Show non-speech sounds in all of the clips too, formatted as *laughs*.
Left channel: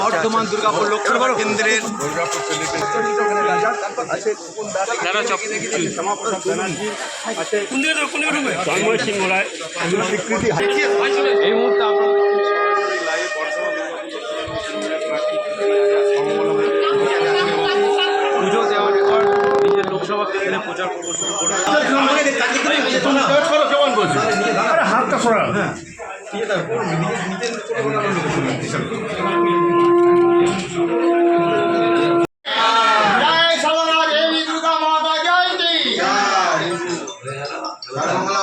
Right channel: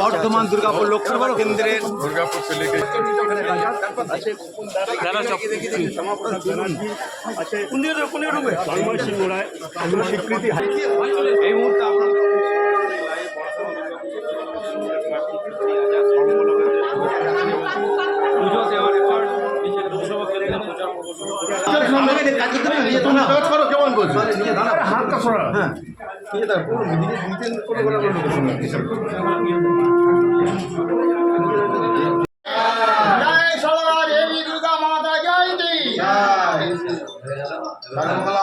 বর্ধমান দুর্গাপুর লোকসভা কেন্দ্রের জয় সরলা দেবী দুর্গা মাতা জয়ন্তী সর্বমঙ্গলা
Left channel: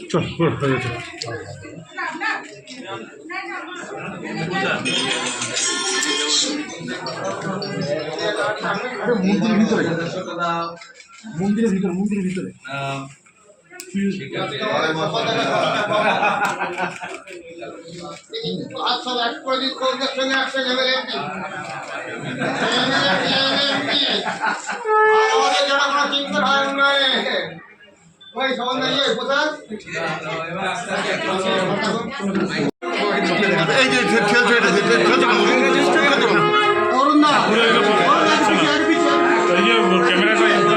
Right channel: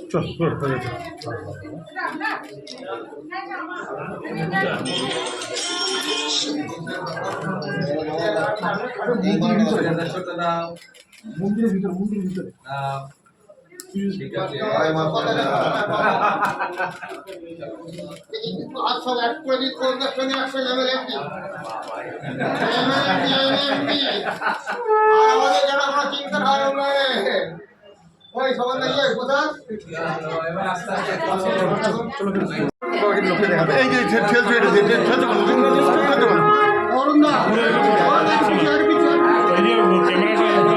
পুজো মন্দিরের ভিতরে। মন্দিরের ভিতরে *laughs* চিন্তা হয় ওই সম্বন্ধে কি কোথায় এই যে খেলছো এটা খেলছো অরুণ দা। ক্যামেরাটা ইয়ে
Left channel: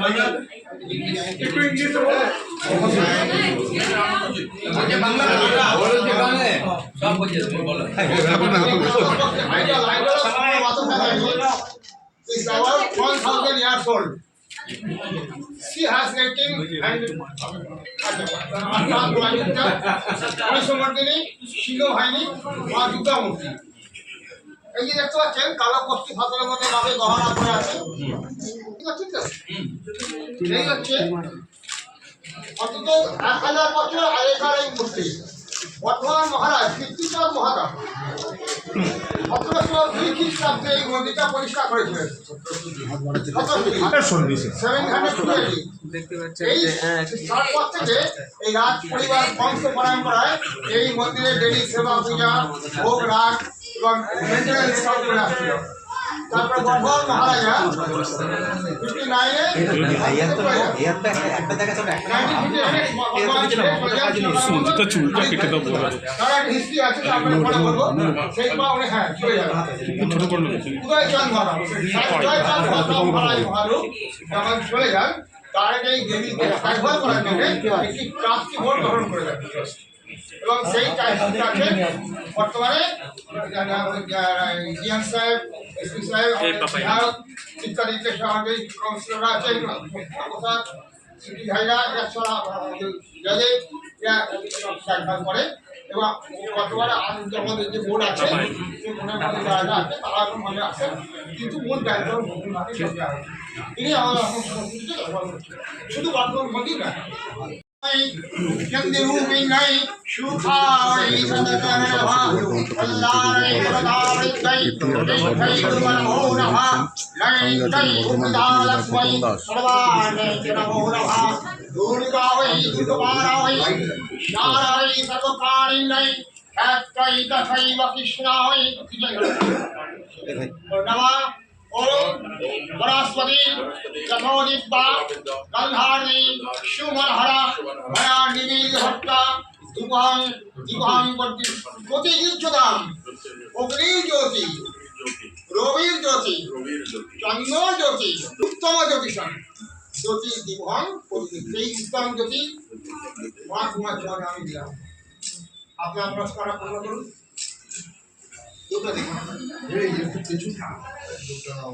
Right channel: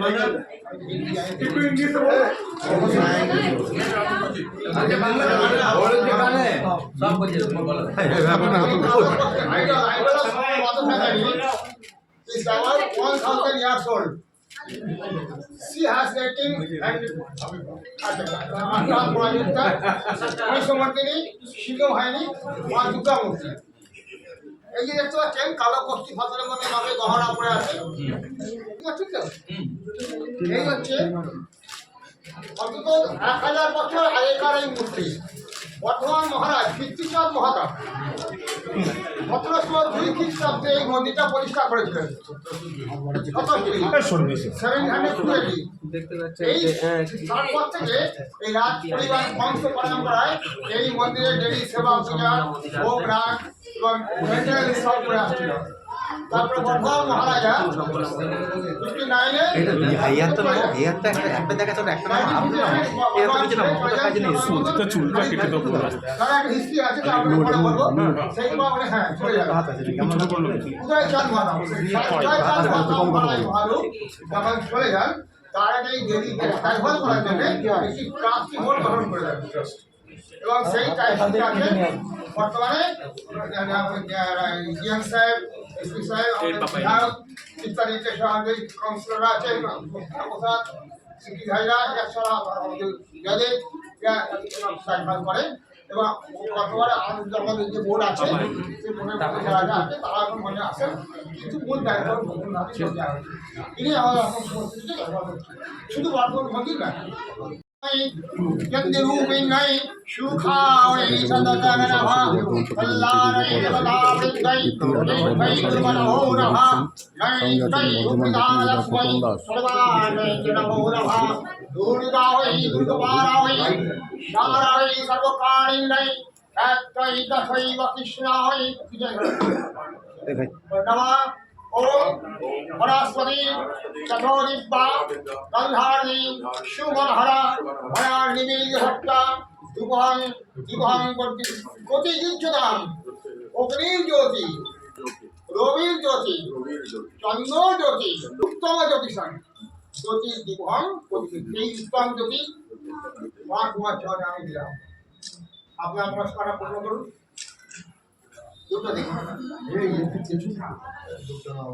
ভাই আসতে একটু নিচে নাও This about 1,000 years old. She has getting and মা দুর্গা মূর্তি এই যে দেখতে পাচ্ছেন কালো কষ্টি ফাতলের মধ্যে নবে গহনা করে আছে। ঠিক আছে? তো এই হচ্ছে অন্তত এক হাজার বছর আগেকার এই মূর্তি। বর্ধমান মহারাজ কীর্তিচাঁদ মহারাজ সতেরোশো দুই খ্রিস্টাব্দে এই মন্দিরটা পরিষ্কার করেছিলেন। সেভেন হান্ড্রেড এই তারপর থেকে এই রাজ পরিবার বংশ পরম্পরায় এই মন্দিরে ডেলি সেবা পূজা ভোগ রাগ এবং মেনটেন্যান্স সব করে আসছিল তারপরে বর্ধমান মহারাজা ফিফটি নাইনে সুন্দর চুলটা কেটে দাও বলো। তার একটা হিস্ট্রি আছে তো আপনার বলব সেই বা উনি হ্যাঁ চলে যাবেন ছোট করে নেবে উদয় চাঁদ মাধব উদয় চাঁদ মাধব মহারাজ মহারূপ যখন চলে যান তার এই দেবীকে দেখভাল করার জন্য একটি ট্রাস্টি বোর্ড গঠন করে দেন এবং সেই ট্রাস্টিটাকে বর্তমানে জিয়ান সাহেব এসপি সাহেব বিধায়ক ইত্যাদি আমাদের কাউন্সিলররা আছে প্রসাদ সিটি ভাইরা এছাড়া জজে দেখভাল করে। এবং গতবার আমাদের যে বোর্ড আছে সেই বোর্ডের মধ্যে যারা যারা আছে তারা এখন মনে আছে কিন্তু মূল দায়িত্ব। তিনি আমাদের এখন শুধু বর্তমান মোদী না চন্দ্ররূপিণৈ সুখায় সদগণনঃ কল্যাণে সদাবৃদ্ধৈ দীর্ঘৈ গুণমনমো নঃ নৈত্রৈ উদ্দালক্ষ্মৈ সর্বাণে চ নমো নঃ দুর্গা वै দুর্গমারা वै সারাই সর্বপ্রাণিণৈ ক্ষেত্রৈ দশৈব কৃষ্ণা वै নমঃ ওম বনস্পতি চতোদিব্বা গন্ধারি সুমনহরা ময়া নিবিল হত্যা দুবহং প্রতি প্রতি অগ্নির জ্যোতি রবির আপনি আপনার পূর্ণ করুন। দুটো দেখুন।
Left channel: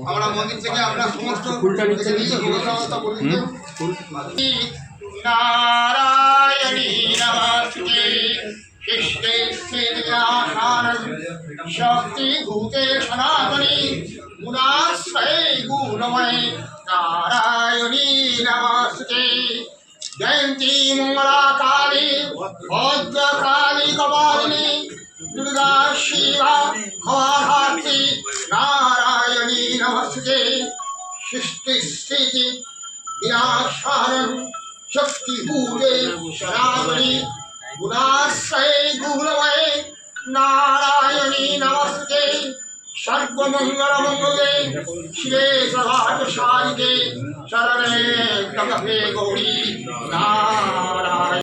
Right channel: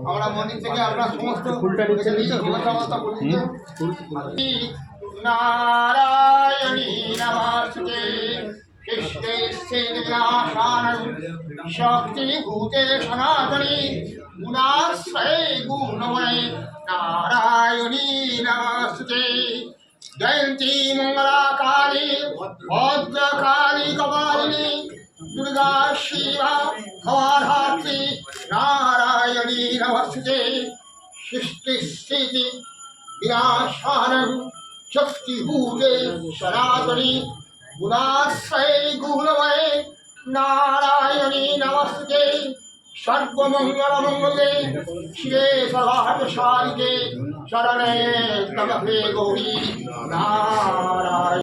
আমরা মন্দির থেকে আমরা সমস্ত নারায়ণী নমস্তে। শক্তি ভূতে সনাতনী। গুণাশ্রয়ে গুণময়। নারায়ণী নমস্তে। জয়ন্তী মঙ্গলা কালী ভদ্র নমস্তে। সৃষ্টি স্থিতি বিনাশানং শক্তিভূতে সনাতনী, গুণাশ্রয়ে গুণময়ে নারায়ণী নমস্তে। সর্বমঙ্গলমঙ্গলে শিবে সর্বার্থসারিকে শরণে তমভে গৌরী নারায়ণ।